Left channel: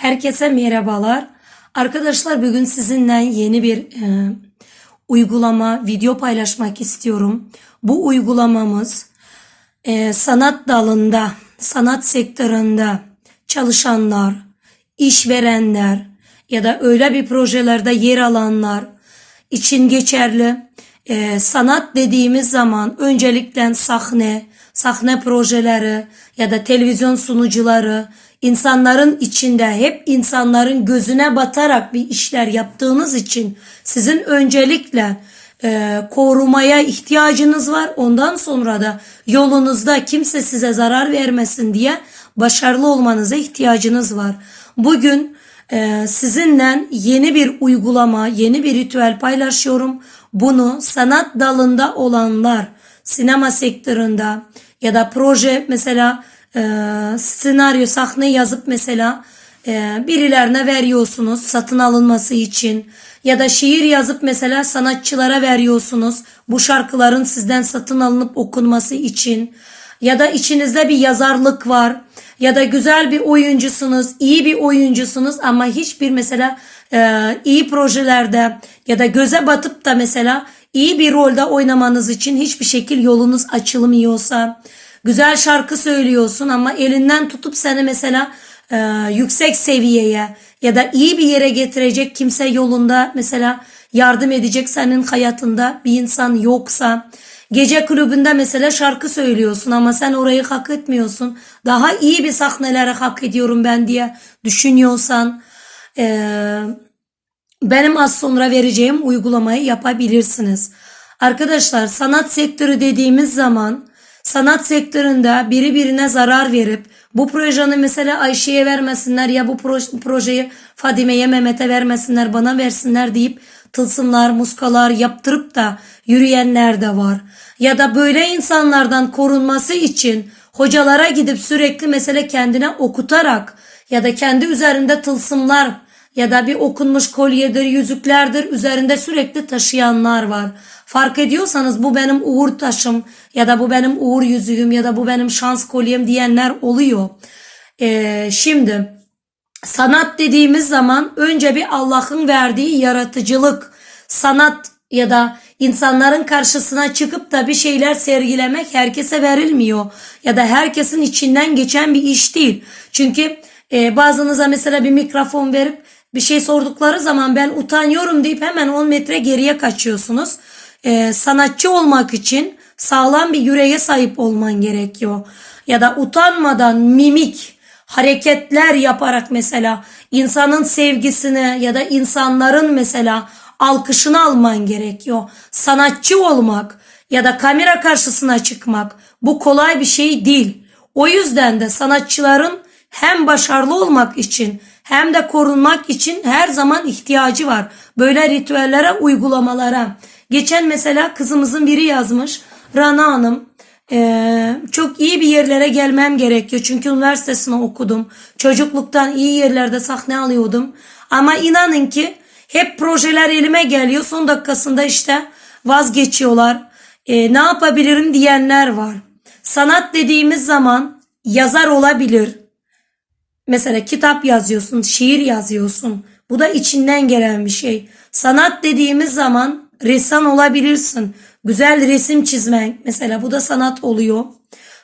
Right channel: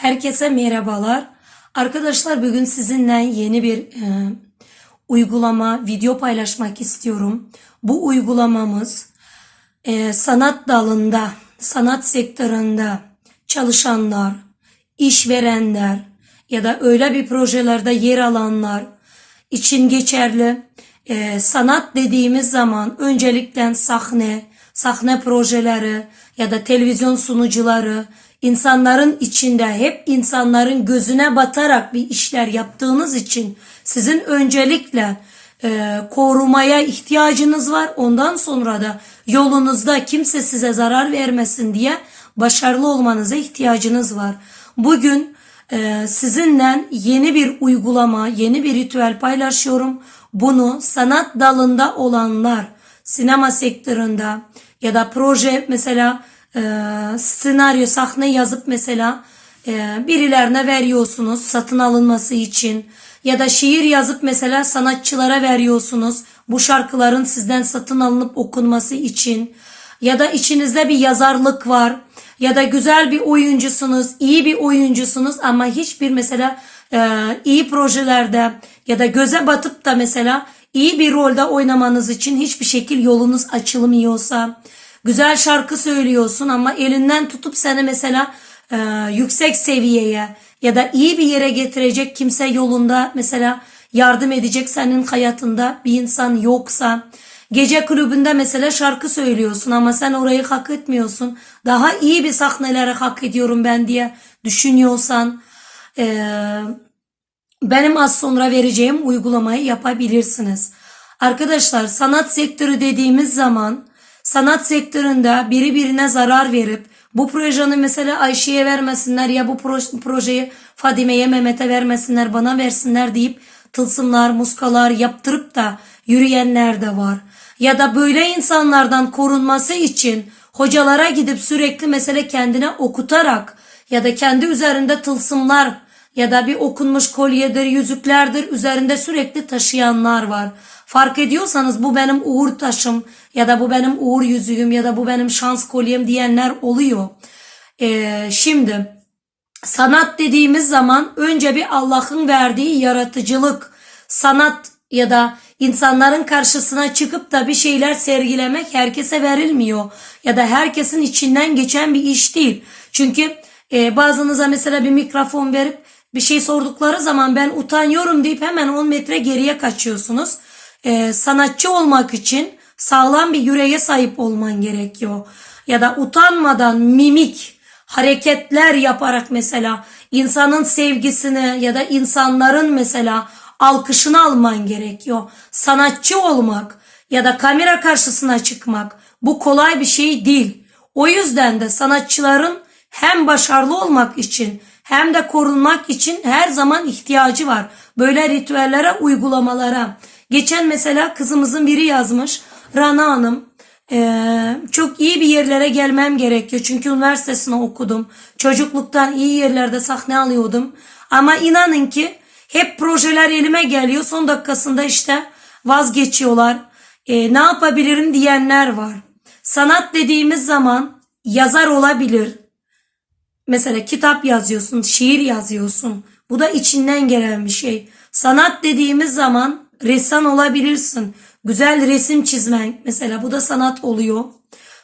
Herkese merhabalar. Arkadaşlar bugün sizinle yeni bir e, uygulama, video paylaşmak istiyorum. Bu uygulamamız e, sanat dalında, sanat sektöründe çalışanlar, işverenler ya da öyle bir projelerde yer alanlar için geçerli. E, sanat dediğimiz zaman öncelikle sahne, sahne projeleri ya da televizyon sunucuları, insanların içinde hep insanların gözüne batarak bir işler yaptığınız için sizin öncelikle e, korumaya ihtiyacınız var. Ondan sonra da yolunuzda kimse size zarar vermesin diye başarılı olmanıza ihtiyacınız var. Bugün e, sizinle yeni bir uygulama, yeni bir ritüel paylaşıyorum. Bunu sanat dalında olanlar, sinema sektöründe ya da proje mesela e, senaryo, sahne yazıp mesela e, birilerine veriyorsunuz satın alınması için. Ya da şiir yazıp mesela sanatçılara veriyorsunuz bu şarkıların sizden satın alınıp okunması için. Ya da içinizde bir yazarlık var. Ya da güzel bir oyuncusunuz, iyi bir oyuncusunuz ama hiçbir mesela e, iyi projelerde ya da göze batıp da mesela iyi bir rolde oynamanız için hiçbir şekil yolunuz açılmıyorsa güzel şarkı söylüyorsun ama elinden tutup seni mesela e, yüksek seviyeye ya da iyi bir yere getirecek kimse yolunda mesela yardım edecek senin hayatında bir insan yoksa gece kulübünde mesela şarkı söylüyorsun ama sen orayı hak etmiyorsun daha iyi bir sahneleri hak ediyorum ben diye düşünüyorsan e, benim az sonra vereceğim uygulamayı yapabilirsiniz. Arkadaşlar sanat sektörü dediğimiz zaman sanat sektöründe biri birine zarar verip bu projeyi mesela Ayşe'ye vermesinler ya bu projeyi Fadime'ye Mehmet'e vermesinler bana versinler deyip tılsımlar muskalar yaptırıp da yürüyenler de var. Ya da böyle insanlardan korunması için hocalara gidip sürekli mesela kendine okutarak ya da kendi üzerinde tılsımlar ya da bir okunmuş kolyedir, yüzüklerdir üzerinde sürekli taşıyanlar var. Fark ediyorsanız bu benim uğur taşım ya da bu benim uğur yüzüğüm ya da bu benim şans kolyem diyenler oluyor. Ee, şimdi sanat dediğimiz zaman önce bir Allah'ın verdiği yaratıcılık, sanat ya da insanların karşısına çıkıp da bir şeyler sergilemek herkese verilmiyor. Ya da herkesin içinden geçen bir iş değil. Çünkü e, bazınıza mesela bir mikrofon verip bir şey sordukları zaman ben utanıyorum deyip hemen 10 metre geriye kaçıyorsunuz. Ee, sanatçı olmak için sağlam bir yüreğe sahip olman gerekiyor. Ya da utanmadan mimik hareketler yaparak mesela insanın sevgisini ya da insanların mesela alkışını alman gerekiyor. Sanatçı olmak ya da kamera karşısına çıkmak bu kolay bir şey değil. O yüzden de sanatçıların hem başarılı olmak için hem de korunmak için her zaman ihtiyacı var. Böyle ritüellere, uygulamalara. Geçen mesela kızımızın biri yazmış. Rana Hanım ee, çok iyi bir yerlere gelmem gerekiyor. Çünkü üniversitesini okudum. Çocukluktan iyi yerlerde sahne alıyordum. Ama inanın ki hep projeler elime geliyor. Son dakikasında işte vazgeçiyorlar. Ee, ne yapabilirim diyenler var. Sanat dediğimiz zaman yazar olabilir. Mesela kitap yazıyorsun, şiir yazıyorsun. Bu da içinden gelen bir şey. Sanat dediğimiz zaman ressam olabilirsin. Güzel resim çizmek mesela bu da sanat oluyor.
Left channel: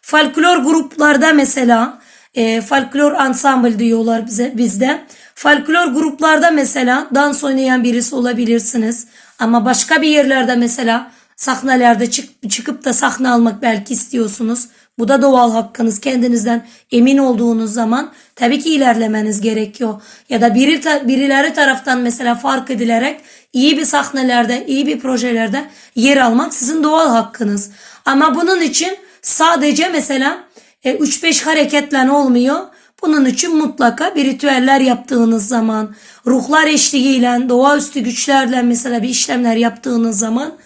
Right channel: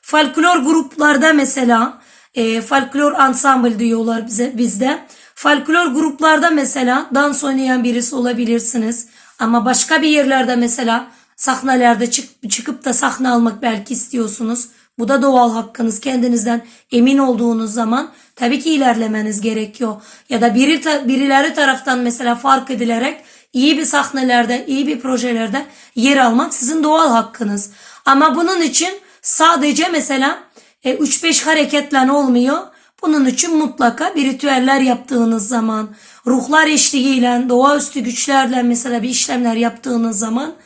Folklor gruplarda mesela e, folklor ensemble diyorlar bize bizde. Folklor gruplarda mesela dans oynayan birisi olabilirsiniz. Ama başka bir yerlerde mesela sahnelerde çık, çıkıp da sahne almak belki istiyorsunuz. Bu da doğal hakkınız. Kendinizden emin olduğunuz zaman tabii ki ilerlemeniz gerekiyor. Ya da biri, birileri taraftan mesela fark edilerek iyi bir sahnelerde, iyi bir projelerde yer almak sizin doğal hakkınız. Ama bunun için sadece mesela 3-5 e, hareketle olmuyor. Bunun için mutlaka bir ritüeller yaptığınız zaman, ruhlar eşliğiyle, doğaüstü güçlerle mesela bir işlemler yaptığınız zaman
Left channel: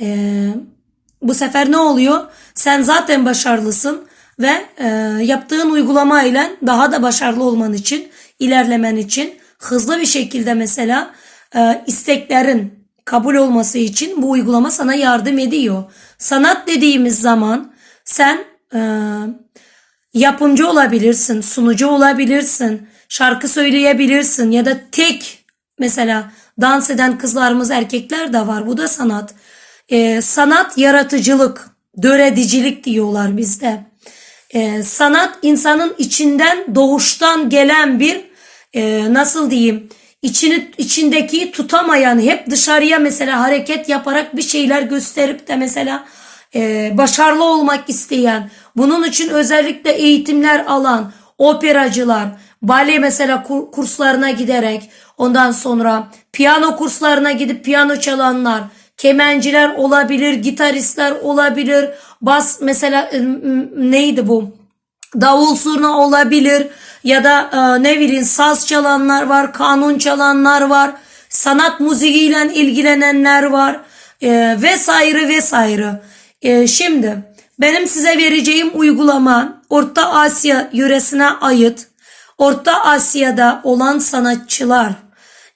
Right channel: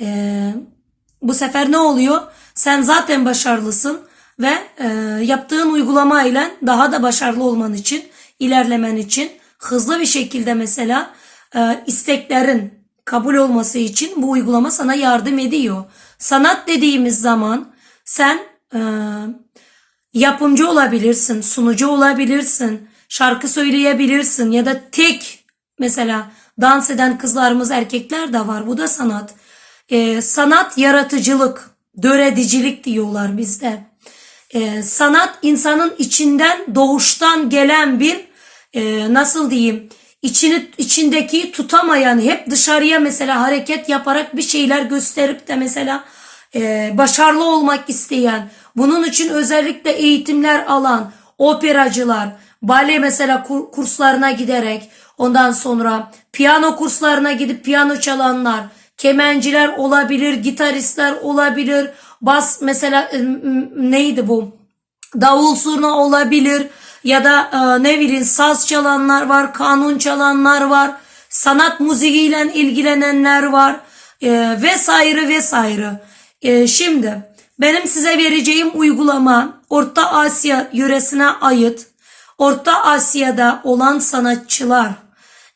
e, bu sefer ne oluyor? Sen zaten başarılısın ve e, yaptığın uygulama ile daha da başarılı olman için, ilerlemen için hızlı bir şekilde mesela e, isteklerin kabul olması için bu uygulama sana yardım ediyor. Sanat dediğimiz zaman sen e, yapımcı olabilirsin, sunucu olabilirsin, şarkı söyleyebilirsin ya da tek mesela dans eden kızlarımız erkekler de var. Bu da sanat. Ee, sanat yaratıcılık, döredicilik diyorlar bizde. Ee, sanat insanın içinden doğuştan gelen bir e, nasıl diyeyim içini içindeki tutamayan hep dışarıya mesela hareket yaparak bir şeyler gösterip de mesela e, başarılı olmak isteyen bunun için özellikle eğitimler alan operacılar bale mesela kur- kurslarına giderek ondan sonra piyano kurslarına gidip piyano çalanlar kemenciler olabilir gitaristler olabilir bas mesela e, neydi bu davul zurna olabilir ya da e, ne bileyim saz çalanlar var, kanun çalanlar var, sanat müziğiyle ilgilenenler var e, vesaire vesaire. E, şimdi benim size vereceğim uygulama Orta Asya yöresine ait Orta Asya'da olan sanatçılar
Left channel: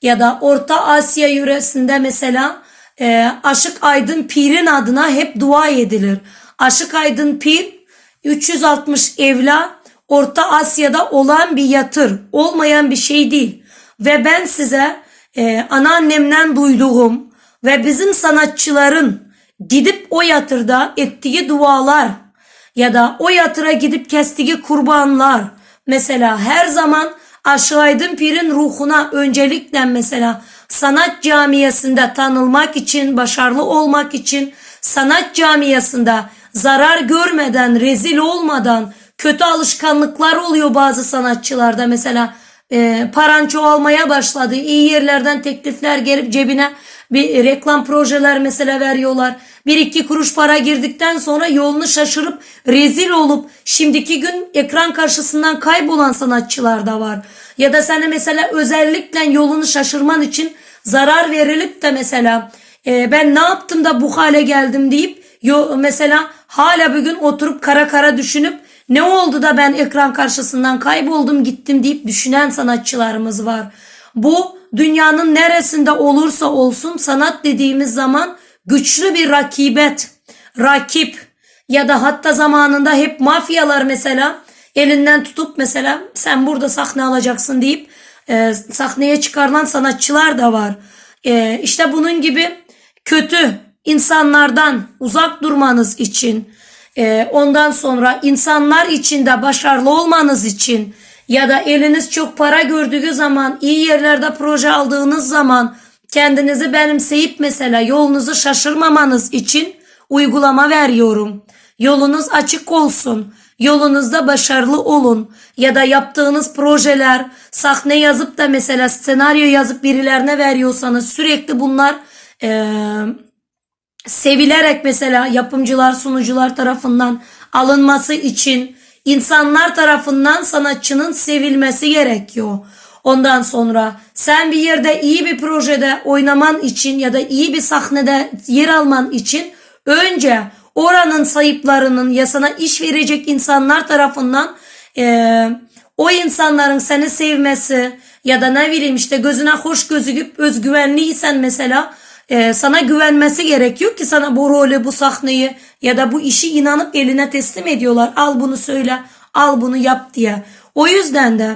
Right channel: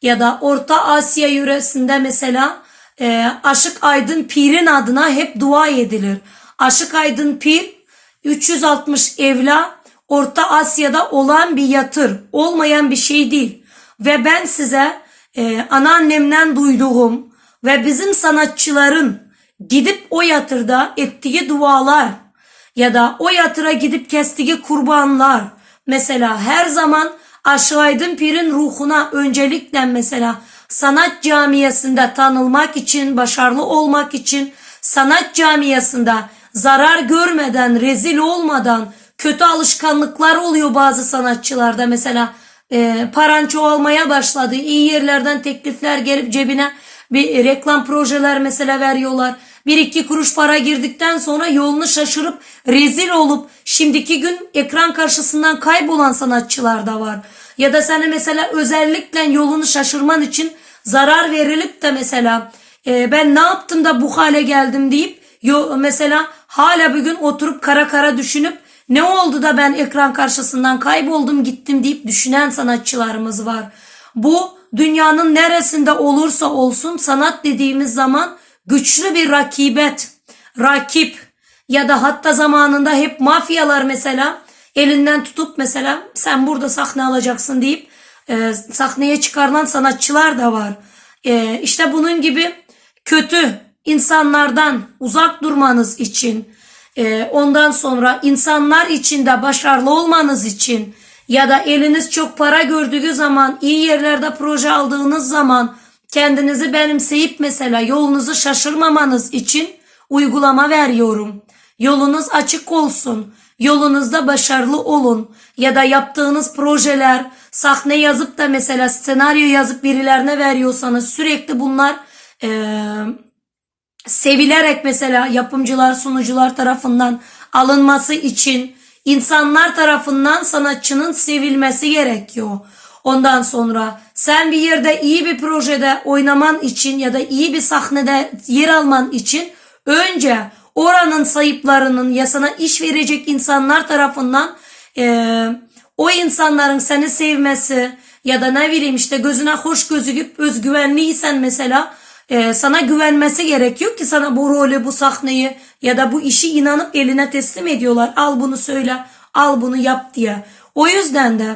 ya da Orta Asya yöresinde mesela e, Aşık Aydın Pir'in adına hep dua edilir. Aşık Aydın Pir 360 evla Orta Asya'da olan bir yatır. Olmayan bir şey değil. Ve ben size e, anneannemden duyduğum ve bizim sanatçıların gidip o yatırda ettiği dualar ya da o yatıra gidip kestiği kurbanlar mesela her zaman Aşık Aydın Pir'in ruhuna öncelikle mesela sanat camiasında tanılmak için, başarılı olmak için sanat camiasında zarar görmeden, rezil olmadan kötü alışkanlıklar oluyor bazı sanatçılarda. Mesela e, paran çoğalmaya başladı. İyi yerlerden teklifler gelip cebine bir reklam projeler mesela veriyorlar. Bir iki kuruş para girdikten sonra yolunu şaşırıp rezil olup şimdiki gün ekran karşısından kaybolan sanatçılar da var. Ya da sana mesela özellikle yolunu şaşırman için zarar verilip de mesela e, ben ne yaptım da bu hale geldim deyip yo, mesela hala bugün oturup kara kara düşünüp ne oldu da ben ekran karşısından kayboldum gittim deyip düşünen sanatçılarımız var. Bu dünyanın neresinde olursa olsun sanat dediğimiz zaman güçlü bir rakibet, rakip ya da hatta zamanında hep mafyalar mesela elinden tutup mesela sen burada sahne alacaksın deyip e, sahneye çıkarılan sanatçılar da var. E, işte bunun gibi kötü insanlardan uzak durmanız için e, ondan sonra insanlar içinde başarılı olmanız için ya da eliniz çok para gördüğü zaman iyi yerlerde proje aldığınız zaman kendinizi benimseyip mesela yolunuzu şaşırmamanız için uygulama veriyorum. Yolunuz açık olsun. Yolunuzda başarılı olun. Ya da yaptığınız projeler sahne yazıp da mesela senaryo yazıp birilerine veriyorsanız sürekli bunlar eee sevilerek mesela yapımcılar, sunucular tarafından alınması için insanlar tarafından sanatçının sevilmesi gerekiyor. Ondan sonra sen bir yerde iyi bir projede oynaman için ya da iyi bir sahnede yer alman için önce oranın sahiplerinin ya sana iş verecek insanlar tarafından eee, o insanların seni sevmesi ya da ne bileyim işte gözüne hoş gözüküp özgüvenliysen mesela e, sana güvenmesi gerekiyor ki sana bu rolü, bu sahneyi ya da bu işi inanıp eline teslim ediyorlar. Al bunu söyle, al bunu yap diye. O yüzden de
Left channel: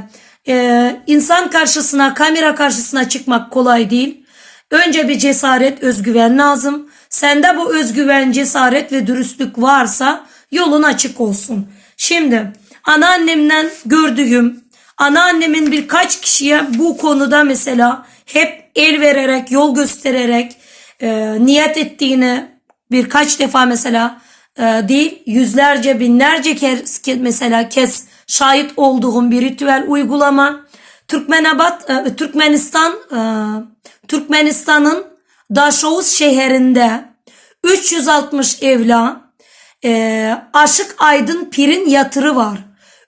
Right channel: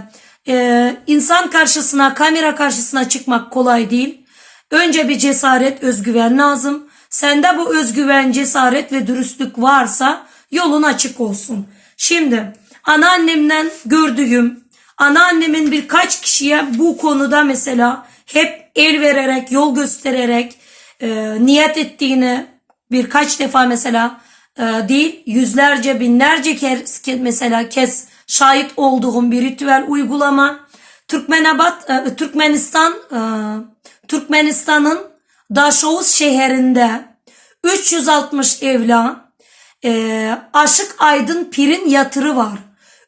e, insan karşısına, kamera karşısına çıkmak kolay değil. Önce bir cesaret, özgüven lazım. Sende bu özgüven, cesaret ve dürüstlük varsa yolun açık olsun. Şimdi anneannemden gördüğüm, anneannemin birkaç kişiye bu konuda mesela hep el vererek, yol göstererek e, niyet ettiğini birkaç defa mesela e, değil yüzlerce binlerce kez mesela kez şahit olduğum bir ritüel uygulama. Türkmenabat, e, Türkmenistan, e, Türkmenistan'ın Daşoğuz şehrinde 360 evla e, Aşık Aydın Pir'in yatırı var.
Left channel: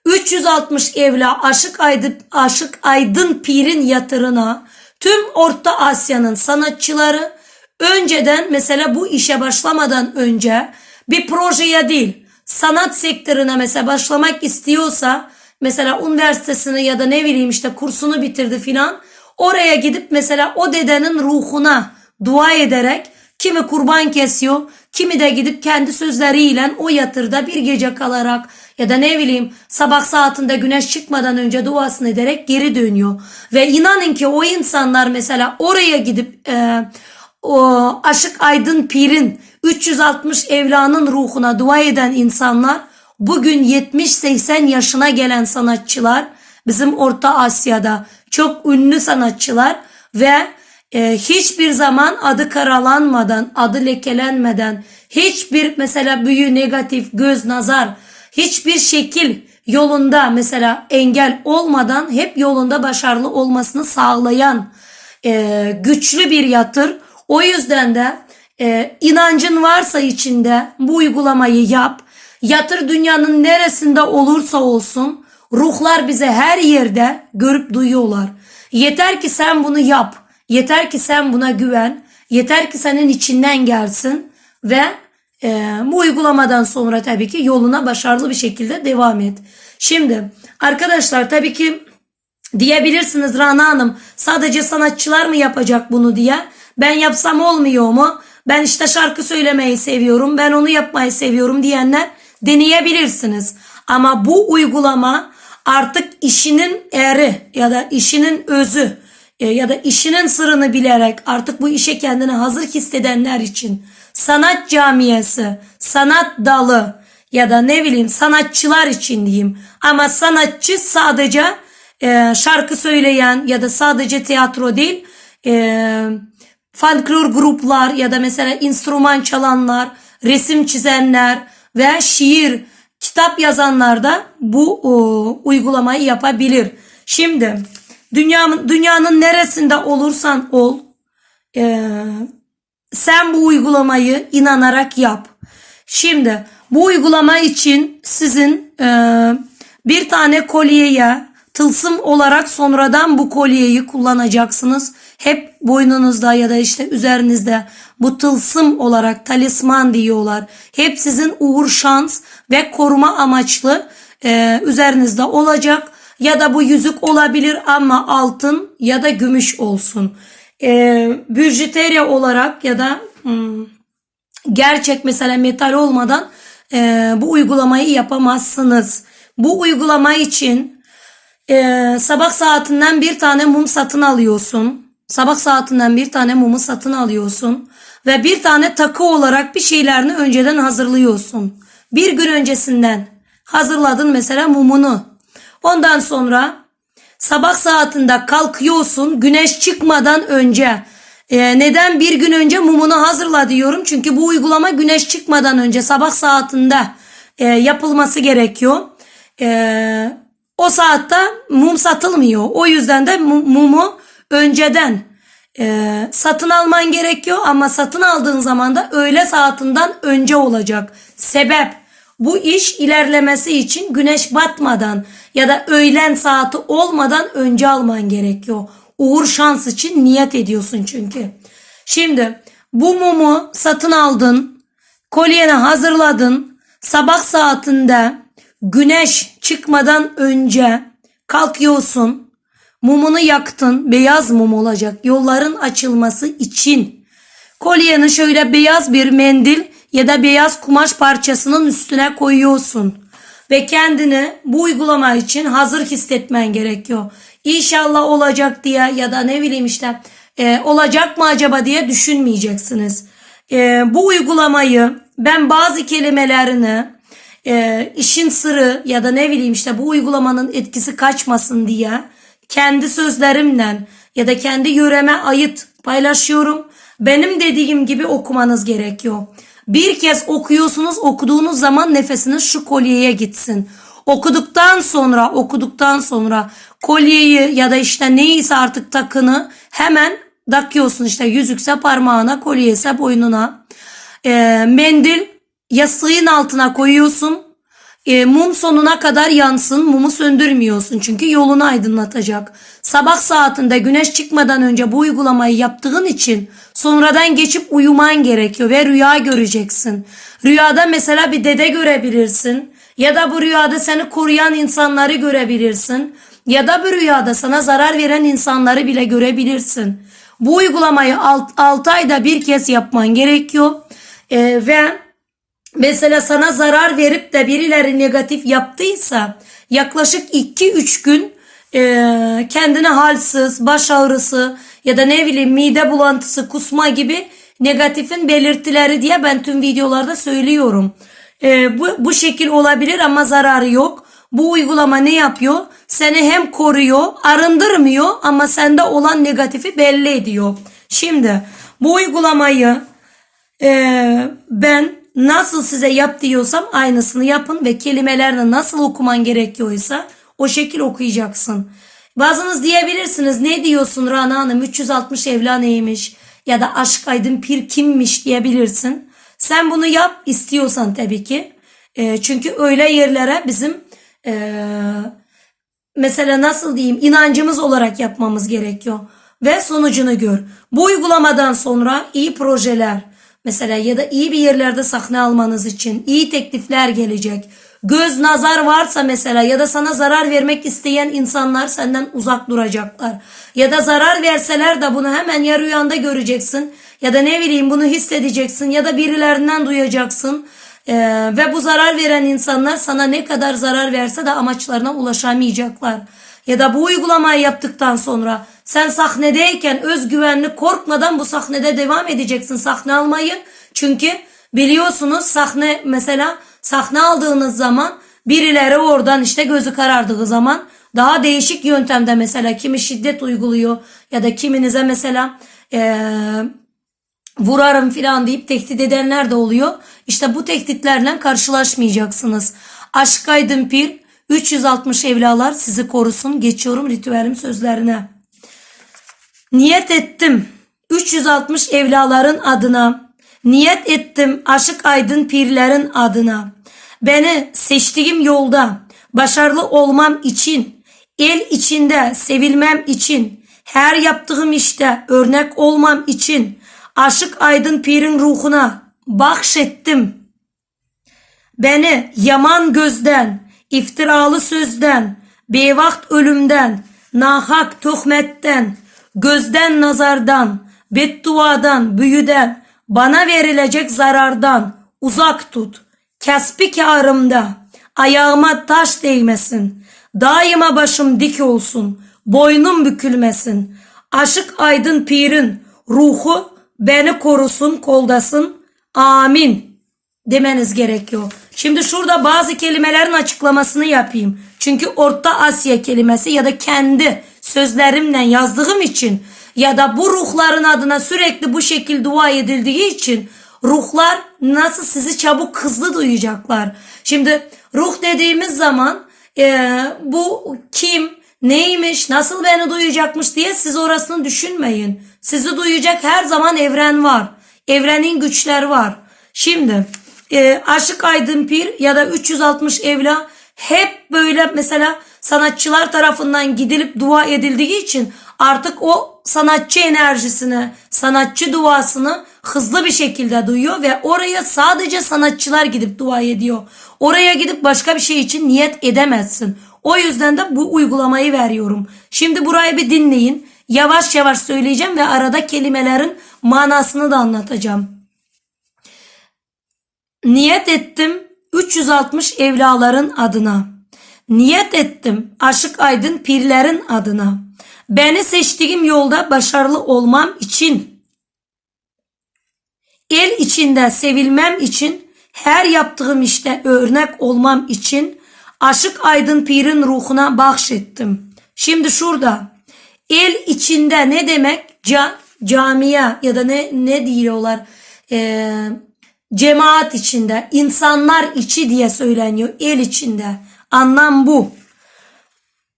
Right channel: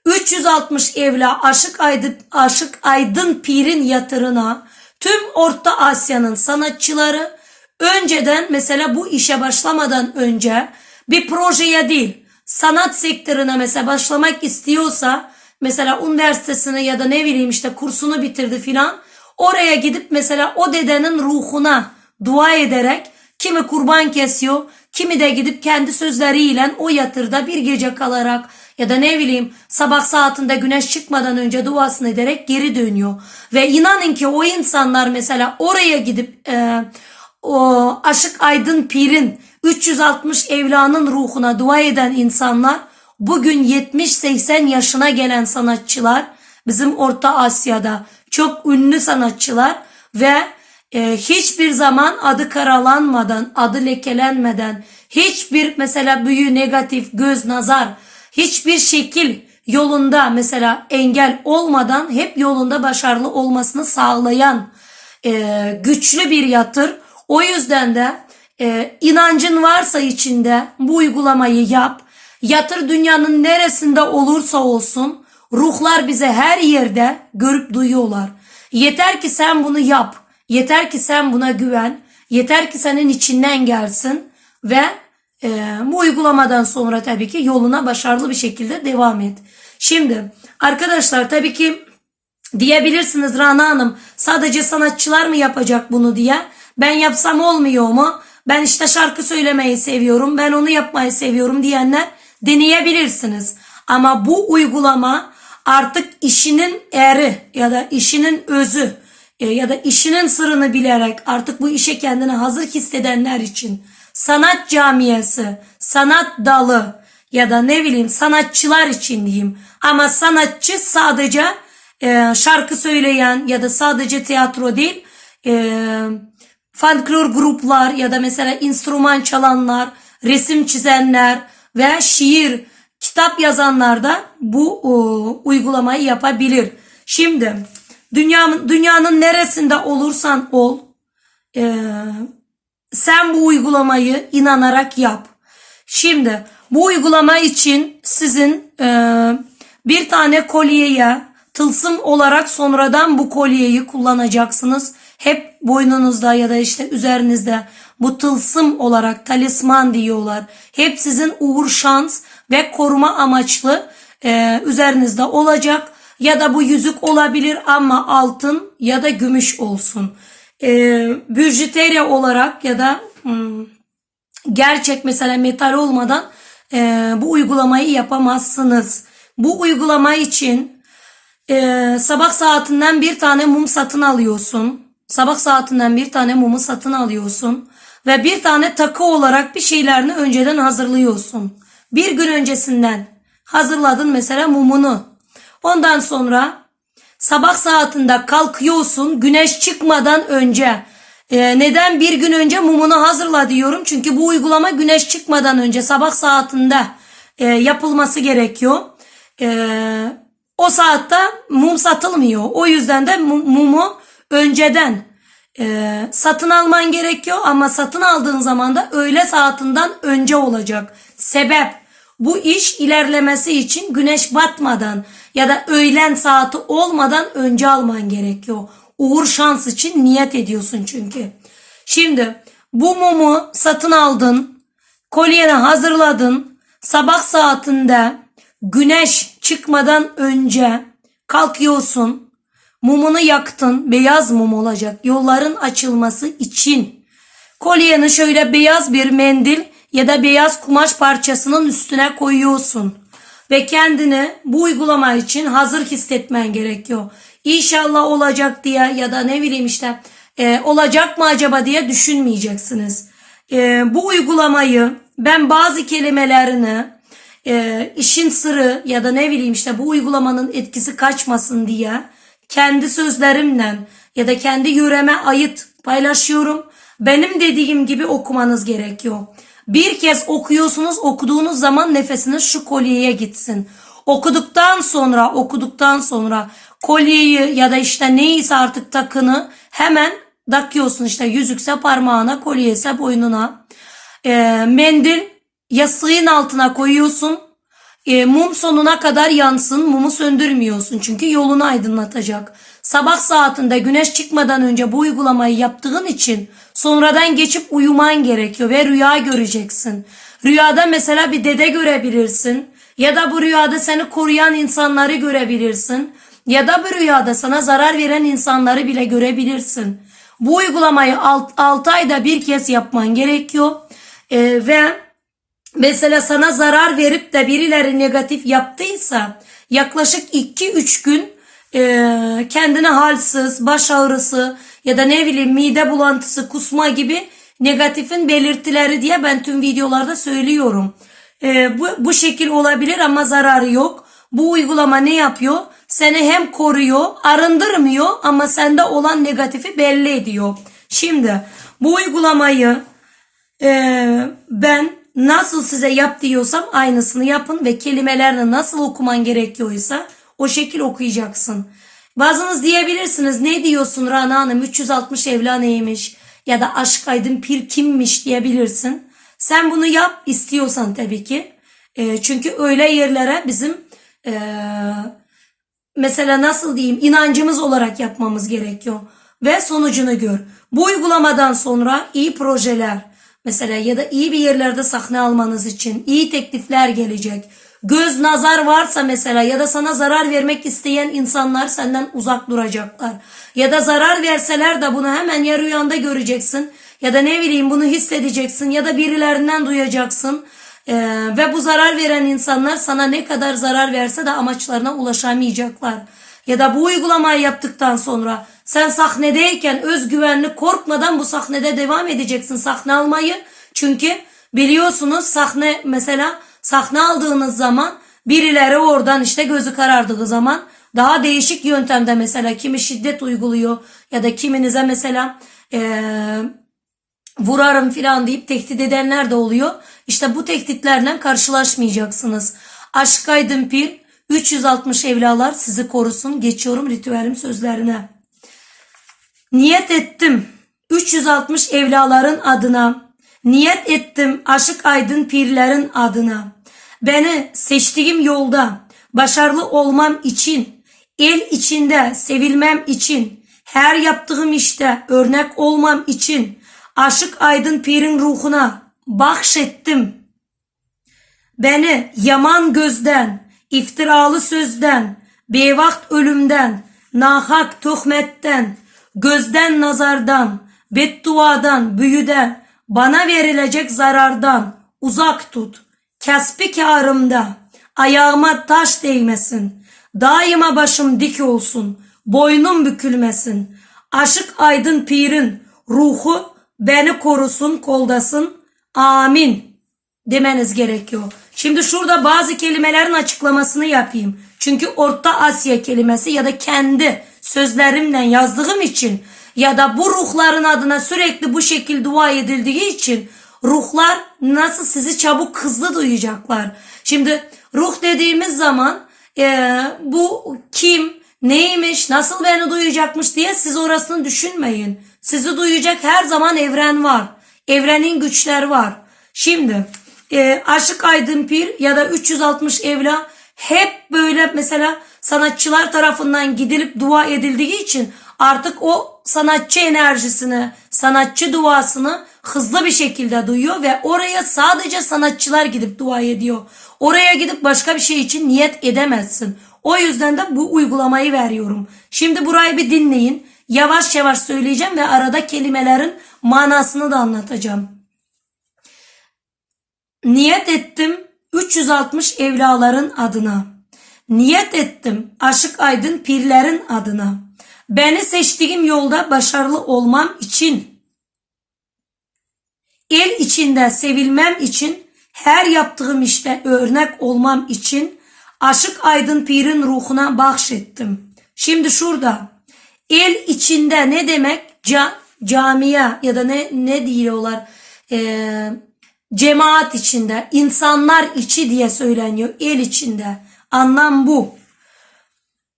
360 evla Aşık Aydın, Aşık Aydın Pir'in yatırına tüm Orta Asya'nın sanatçıları önceden mesela bu işe başlamadan önce bir projeye değil sanat sektörüne mesela başlamak istiyorsa mesela üniversitesini ya da ne bileyim işte kursunu bitirdi filan oraya gidip mesela o dedenin ruhuna dua ederek Kimi kurban kesiyor, kimi de gidip kendi sözleriyle o yatırda bir gece kalarak ya da ne bileyim sabah saatinde güneş çıkmadan önce duasını ederek geri dönüyor. Ve inanın ki o insanlar mesela oraya gidip e, o Aşık Aydın Pir'in 360 evlanın ruhuna dua eden insanlar bugün 70-80 yaşına gelen sanatçılar bizim Orta Asya'da çok ünlü sanatçılar ve e, hiçbir zaman adı karalanmadan, adı lekelenmeden, hiçbir mesela büyü, negatif, göz, nazar, hiçbir şekil yolunda mesela engel olmadan hep yolunda başarılı olmasını sağlayan e, güçlü bir yatır. O yüzden de e, inancın varsa içinde bu uygulamayı yap. Yatır dünyanın neresinde olursa olsun ruhlar bize her yerde görüp duyuyorlar. Yeter ki sen bunu yap. Yeter ki sen buna güven. Yeter ki senin içinden gelsin ve e, bu uygulamadan sonra tabii ki yoluna başarılı bir şekilde devam et. Şimdi arkadaşlar tabii ki diyebilirsiniz Rana Hanım sadece sanatçılar mı yapacak bunu diye. Ben yapsam olmuyor mu? Ben işte şarkı söylemeyi seviyorum. Ben onu yapmayı seviyorum diyenler deneyebilirsiniz. Ama bu uygulama artık işinin eri ya da işinin özü e, ya da işinin sırrını bilerek artık bu işe kendini hazır hissedenler için sanat camiyesi, sanat dalı ya da ne bileyim sanatçılar için diyeyim. Ama sanatçı sadece e, şarkı söyleyen ya da sadece tiyatro değil e, folklor gruplar ya da mesela enstrüman çalanlar, resim çizenler veya şiir, kitap yazanlar da bu o, uygulamayı yapabilir. Şimdi dünyanın, dünyanın neresinde olursan ol e, sen bu uygulamayı inanarak yap. Şimdi bu uygulama için sizin e, bir tane kolyeye tılsım olarak sonradan bu kolyeyi kullanacaksınız. Hep boynunuzda ya da işte üzerinizde bu tılsım olarak talisman diyorlar. Hep sizin uğur şans ve koruma amaçlı e, üzerinizde olacak. Ya da bu yüzük olabilir ama altın ya da gümüş olsun. E, büjüterya olarak ya da hmm, gerçek mesela metal olmadan e, bu uygulamayı yapamazsınız. Bu uygulama için e, sabah saatinden bir tane mum satın alıyorsun. Sabah saatinden bir tane mumu satın alıyorsun ve bir tane takı olarak bir şeylerini önceden hazırlıyorsun. Bir gün öncesinden hazırladın mesela mumunu. Ondan sonra sabah saatinde kalkıyorsun güneş çıkmadan önce. Ee, neden bir gün önce mumunu hazırla diyorum? Çünkü bu uygulama güneş çıkmadan önce sabah saatinde e, yapılması gerekiyor. E, o saatte mum satılmıyor. O yüzden de mumu önceden e, satın alman gerekiyor ama satın aldığın zaman da öğle saatinden önce olacak. Sebep bu iş ilerlemesi için güneş batmadan ya da öğlen saati olmadan önce alman gerekiyor. Uğur şans için niyet ediyorsun çünkü. Şimdi bu mumu satın aldın, kolyeni hazırladın, sabah saatinde güneş çıkmadan önce kalkıyorsun, mumunu yaktın, beyaz mum olacak yolların açılması için. Kolyeni şöyle beyaz bir mendil ya da beyaz kumaş parçasının üstüne koyuyorsun ve kendini bu uygulama için hazır hissetmen gerekiyor. İnşallah olacak diye ya da ne bileyim işte e, olacak mı acaba diye düşünmeyeceksiniz. E, bu uygulamayı ben bazı kelimelerini e, işin sırrı ya da ne bileyim işte bu uygulamanın etkisi kaçmasın diye kendi sözlerimle ya da kendi yöreme ait paylaşıyorum. Benim dediğim gibi okumanız gerekiyor. Bir kez okuyorsunuz okuduğunuz zaman nefesiniz şu kolyeye gitsin. Okuduktan sonra okuduktan sonra kolyeyi ya da işte neyse artık takını hemen takıyorsun işte yüzükse parmağına kolyeyse boynuna. E, mendil yastığın altına koyuyorsun. E, mum sonuna kadar yansın mumu söndürmüyorsun çünkü yolunu aydınlatacak. Sabah saatinde güneş çıkmadan önce bu uygulamayı yaptığın için sonradan geçip uyuman gerekiyor ve rüya göreceksin. Rüyada mesela bir dede görebilirsin ya da bu rüyada seni koruyan insanları görebilirsin ya da bu rüyada sana zarar veren insanları bile görebilirsin. Bu uygulamayı 6 ayda bir kez yapman gerekiyor. Ee, ve mesela sana zarar verip de birileri negatif yaptıysa yaklaşık 2-3 gün e, kendine halsiz, baş ağrısı ya da ne bileyim mide bulantısı, kusma gibi negatifin belirtileri diye ben tüm videolarda söylüyorum. E, bu, bu şekil olabilir ama zararı yok. Bu uygulama ne yapıyor? Seni hem koruyor, arındırmıyor ama sende olan negatifi belli ediyor. Şimdi bu uygulamayı e, ben nasıl size yap diyorsam aynısını yapın ve kelimelerle nasıl okuman gerekiyorsa o şekil okuyacaksın. Bazınız diyebilirsiniz ne diyorsun Rana Hanım 360 evla ya da aşk aydın pir kimmiş diyebilirsin. Sen bunu yap istiyorsan tabii ki. E, çünkü öyle yerlere bizim e, mesela nasıl diyeyim inancımız olarak yapmamız gerekiyor. Ve sonucunu gör. Bu uygulamadan sonra iyi projeler mesela ya da iyi bir yerlerde sahne almanız için iyi teklifler gelecek. Göz nazar varsa mesela ya da sana zarar vermek isteyen insanlar senden uzak duracaklar. Ya da zarar verseler de bunu hemen ya rüyanda göreceksin ya da ne bileyim bunu hissedeceksin ya da birilerinden duyacaksın. Ee, ve bu zarar veren insanlar sana ne kadar zarar verse de amaçlarına ulaşamayacaklar. Ya da bu uygulamayı yaptıktan sonra sen sahnedeyken özgüvenli korkmadan bu sahnede devam edeceksin sahne almayı. Çünkü biliyorsunuz sahne mesela sahne aldığınız zaman birileri oradan işte gözü karardığı zaman daha değişik yöntemde mesela kimi şiddet uyguluyor ya da kiminize mesela ee, vurarım filan deyip tehdit edenler de oluyor. İşte bu tehditlerle karşılaşmayacaksınız. Aşk aydın pir 360 evlalar sizi korusun. Geçiyorum ritüelim sözlerine. Niyet ettim 360 evlaların adına. Niyet ettim aşık aydın pirlerin adına. Beni seçtiğim yolda başarılı olmam için, el içinde sevilmem için, her yaptığım işte örnek olmam için, aşık aydın pirin ruhuna bahşettim. Beni yaman gözden, iftiralı sözden, bevakt ölümden, nahak tuhmetten, gözden nazardan, bedduadan, büyüden, bana verilecek zarardan uzak tut. Kesbi karımda ayağıma taş değmesin. Daima başım dik olsun. Boynum bükülmesin. Aşık aydın pirin ruhu beni korusun, koldasın. Amin demeniz gerekiyor. Şimdi şurada bazı kelimelerin açıklamasını yapayım. Çünkü Orta Asya kelimesi ya da kendi sözlerimle yazdığım için ya da bu ruhların adına sürekli bu şekilde dua edildiği için ruhlar nasıl sizi çabuk hızlı duyacaklar. Şimdi ruh dediğimiz zaman e, bu kim, neymiş, nasıl beni duyacakmış diye siz orasını düşünmeyin. Sizi duyacak her zaman evren var. Evrenin güçler var. Şimdi e, Aşık Aydın Pir ya da 360 Evla hep böyle mesela sanatçılar tarafından gidilip dua edildiği için artık o sanatçı enerjisini, sanatçı duasını hızlı bir şekilde duyuyor ve oraya sadece sanatçılar gidip dua ediyor. Oraya gidip başka bir şey için niyet edemezsin. O yüzden de bu uygulamayı veriyorum. Şimdi burayı bir dinleyin. Yavaş yavaş söyleyeceğim ve arada kelimelerin manasını da anlatacağım. Niyet ettim 360 evlaların adına. Niyet ettim aşık aydın pirlerin adına. Beni seçtiğim yolda başarılı olmam için. El içinde sevilmem için, her yaptığım işte örnek olmam için aşık aydın pirin ruhuna bahşettim. Şimdi şurada el içinde ne demek? Ca, camiye ya da ne ne diyorlar? Ee, cemaat içinde, insanlar içi diye söyleniyor. El içinde. Anlam bu.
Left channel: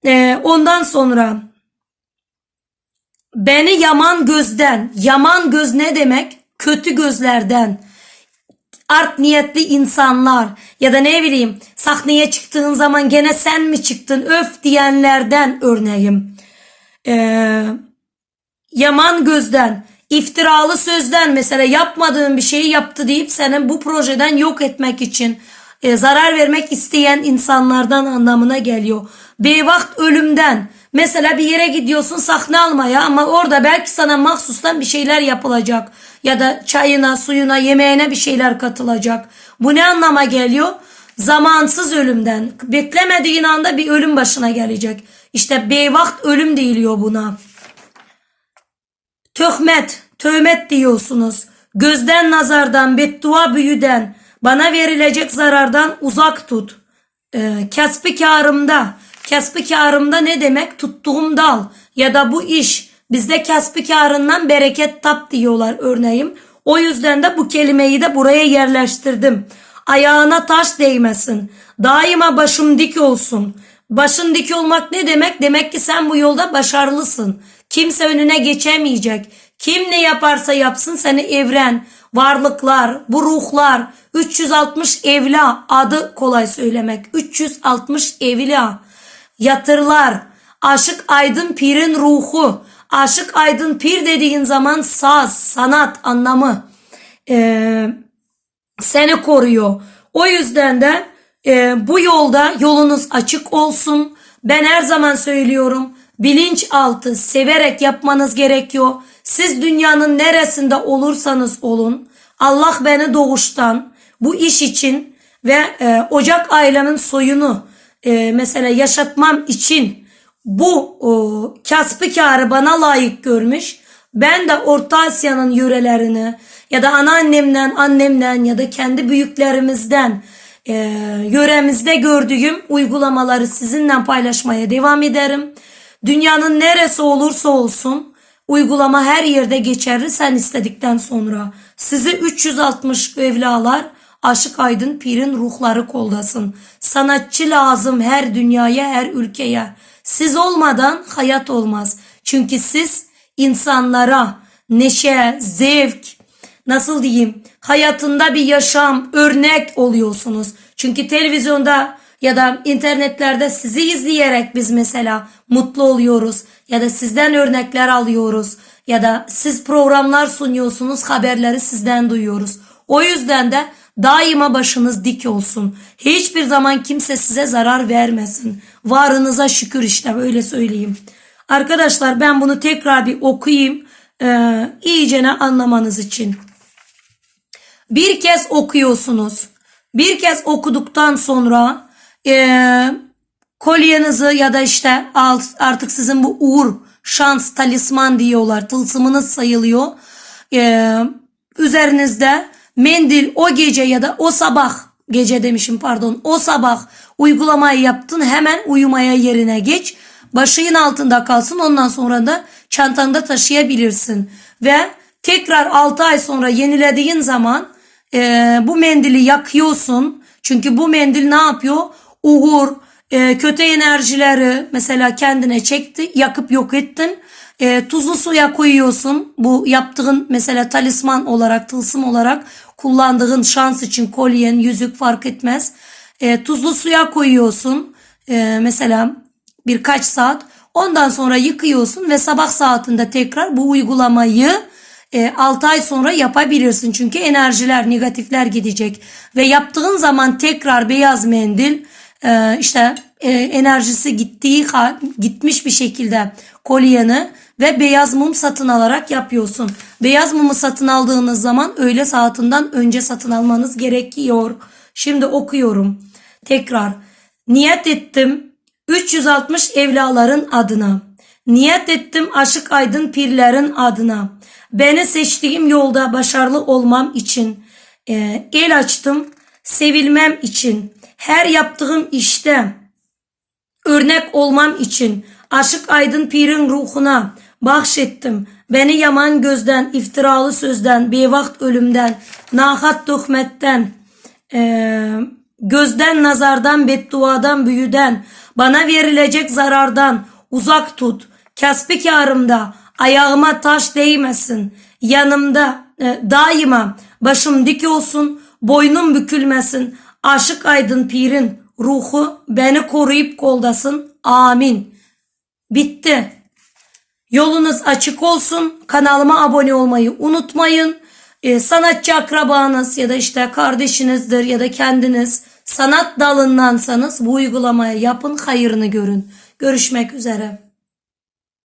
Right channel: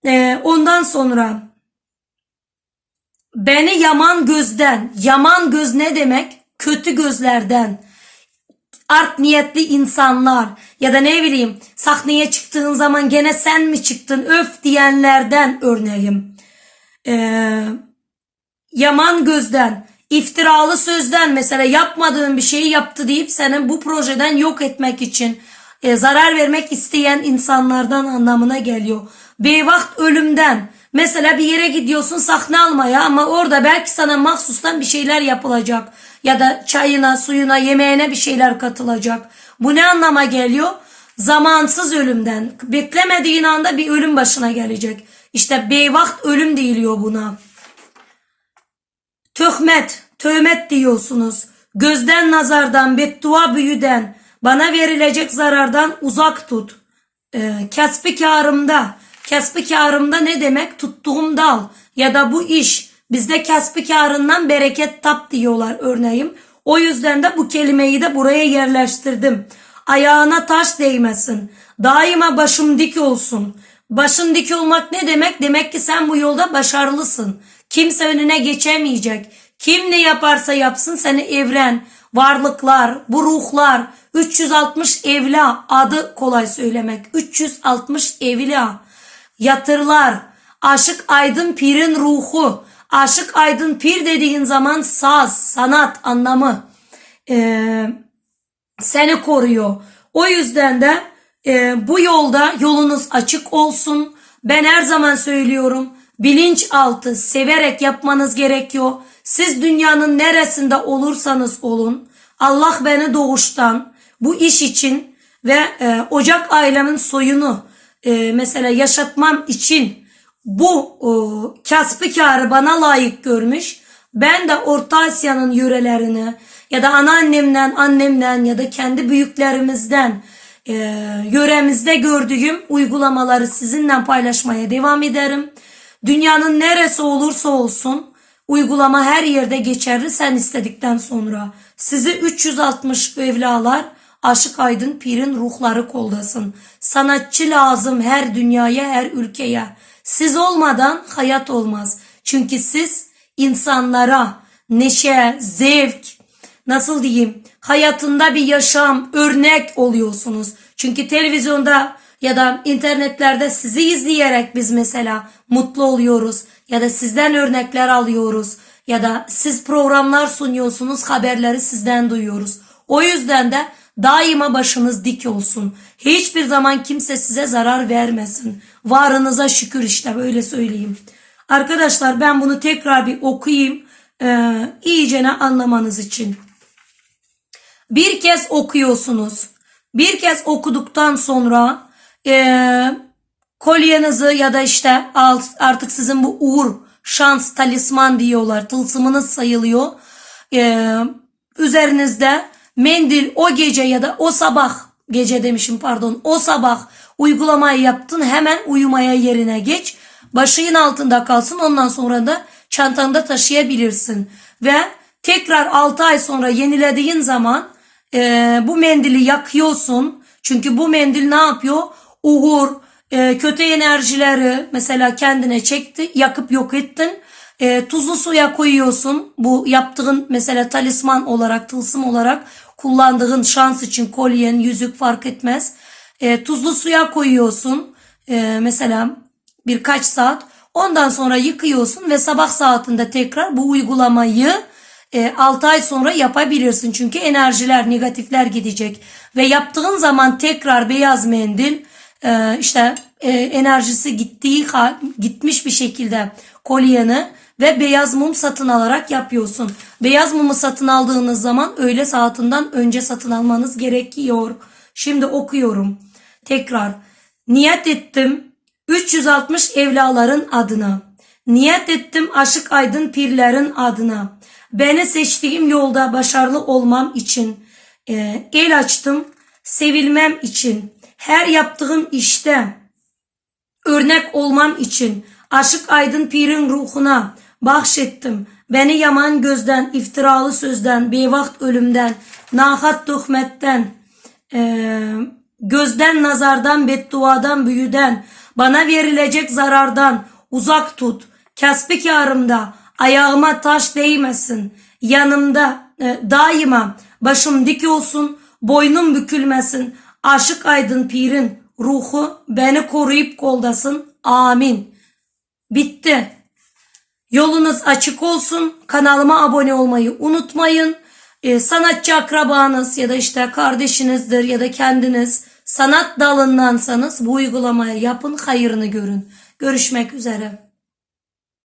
Ee, ondan sonra beni yaman gözden, yaman göz ne demek? Kötü gözlerden, art niyetli insanlar ya da ne bileyim sahneye çıktığın zaman gene sen mi çıktın öf diyenlerden örneğim. Ee, yaman gözden, iftiralı sözden mesela yapmadığın bir şeyi yaptı deyip seni bu projeden yok etmek için e, zarar vermek isteyen insanlardan anlamına geliyor. Beyvaht ölümden Mesela bir yere gidiyorsun sahne almaya ama orada belki sana mahsustan bir şeyler yapılacak. Ya da çayına, suyuna, yemeğine bir şeyler katılacak. Bu ne anlama geliyor? Zamansız ölümden. Beklemediğin anda bir ölüm başına gelecek. İşte beyvakt ölüm deyiliyor buna. Töhmet, tövmet diyorsunuz. Gözden nazardan, beddua büyüden, bana verilecek zarardan uzak tut. Ee, kesbi karımda, kesbi karımda ne demek? Tuttuğum dal ya da bu iş. Bizde kesbi karından bereket tap diyorlar örneğin. O yüzden de bu kelimeyi de buraya yerleştirdim. Ayağına taş değmesin. Daima başım dik olsun. Başın dik olmak ne demek? Demek ki sen bu yolda başarılısın. Kimse önüne geçemeyecek. Kim ne yaparsa yapsın seni evren, varlıklar, bu ruhlar, 360 evla adı kolay söylemek. 360 evla yatırlar. Aşık Aydın Pir'in ruhu. Aşık Aydın Pir dediğin zaman saz, sanat anlamı ee, seni koruyor. O yüzden de e, bu yolda yolunuz açık olsun. Ben her zaman söylüyorum bilinçaltı severek yapmanız gerekiyor. Siz dünyanın neresinde olursanız olun Allah beni doğuştan bu iş için ve e, Ocak ailemin soyunu e, mesela yaşatmam için bu e, kasbı karı bana layık görmüş. Ben de Orta Asya'nın yörelerini ya da anneannemden, annemden ya da kendi büyüklerimizden e, yöremizde gördüğüm uygulamaları sizinle paylaşmaya devam ederim. Dünyanın neresi olursa olsun uygulama her yerde geçerli sen istedikten sonra. Sizi 360 evlalar Aşık Aydın Pir'in ruhları koldasın. Sanatçı lazım her dünyaya, her ülkeye. Siz olmadan hayat olmaz. Çünkü siz insanlara neşe, zevk, nasıl diyeyim, hayatında bir yaşam, örnek oluyorsunuz. Çünkü televizyonda ya da internetlerde sizi izleyerek biz mesela mutlu oluyoruz ya da sizden örnekler alıyoruz ya da siz programlar sunuyorsunuz haberleri sizden duyuyoruz. O yüzden de daima başınız dik olsun. Hiçbir zaman kimse size zarar vermesin. Varınıza şükür işte böyle söyleyeyim. Arkadaşlar ben bunu tekrar bir okuyayım. Ee, iyicene anlamanız için. Bir kez okuyorsunuz. Bir kez okuduktan sonra e, kolyenizi ya da işte artık sizin bu uğur, şans, talisman diyorlar. Tılsımınız sayılıyor. E, üzerinizde mendil o gece ya da o sabah gece demişim pardon o sabah uygulamayı yaptın hemen uyumaya yerine geç. Başının altında kalsın ondan sonra da çantanda taşıyabilirsin. Ve tekrar 6 ay sonra yenilediğin zaman e, bu mendili yakıyorsun. Çünkü bu mendil ne yapıyor? Uğur, e, kötü enerjileri mesela kendine çekti, yakıp yok ettin. E, tuzlu suya koyuyorsun. Bu yaptığın mesela talisman olarak, tılsım olarak kullandığın şans için kolyen, yüzük fark etmez. E, tuzlu suya koyuyorsun. E, mesela birkaç saat. Ondan sonra yıkıyorsun ve sabah saatinde tekrar bu uygulamayı e, 6 ay sonra yapabilirsin. Çünkü enerjiler, negatifler gidecek. Ve yaptığın zaman tekrar beyaz mendil e, işte e, enerjisi gittiği gitmiş bir şekilde kolyeni ve beyaz mum satın alarak yapıyorsun. Beyaz mumu satın aldığınız zaman öğle saatinden önce satın almanız gerekiyor. Şimdi okuyorum. Tekrar. Niyet ettim 360 evlaların adına. Niyet ettim aşık aydın pirlerin adına. Beni seçtiğim yolda başarılı olmam için. E, el açtım sevilmem için. Her yaptığım işte örnek olmam için. Aşık aydın pirin ruhuna bahşettim. Beni yaman gözden, iftiralı sözden, bevakt ölümden, nahat tuhmetten, e, gözden nazardan, bedduadan, büyüden, bana verilecek zarardan uzak tut. Kasbi karımda ayağıma taş değmesin. Yanımda e, daima başım dik olsun, boynum bükülmesin. Aşık aydın pirin ruhu beni koruyup koldasın. Amin. Bitti. Yolunuz açık olsun. Kanalıma abone olmayı unutmayın. Ee, sanatçı akrabanız ya da işte kardeşinizdir ya da kendiniz sanat dalındansanız bu uygulamayı yapın, hayırını görün. Görüşmek üzere.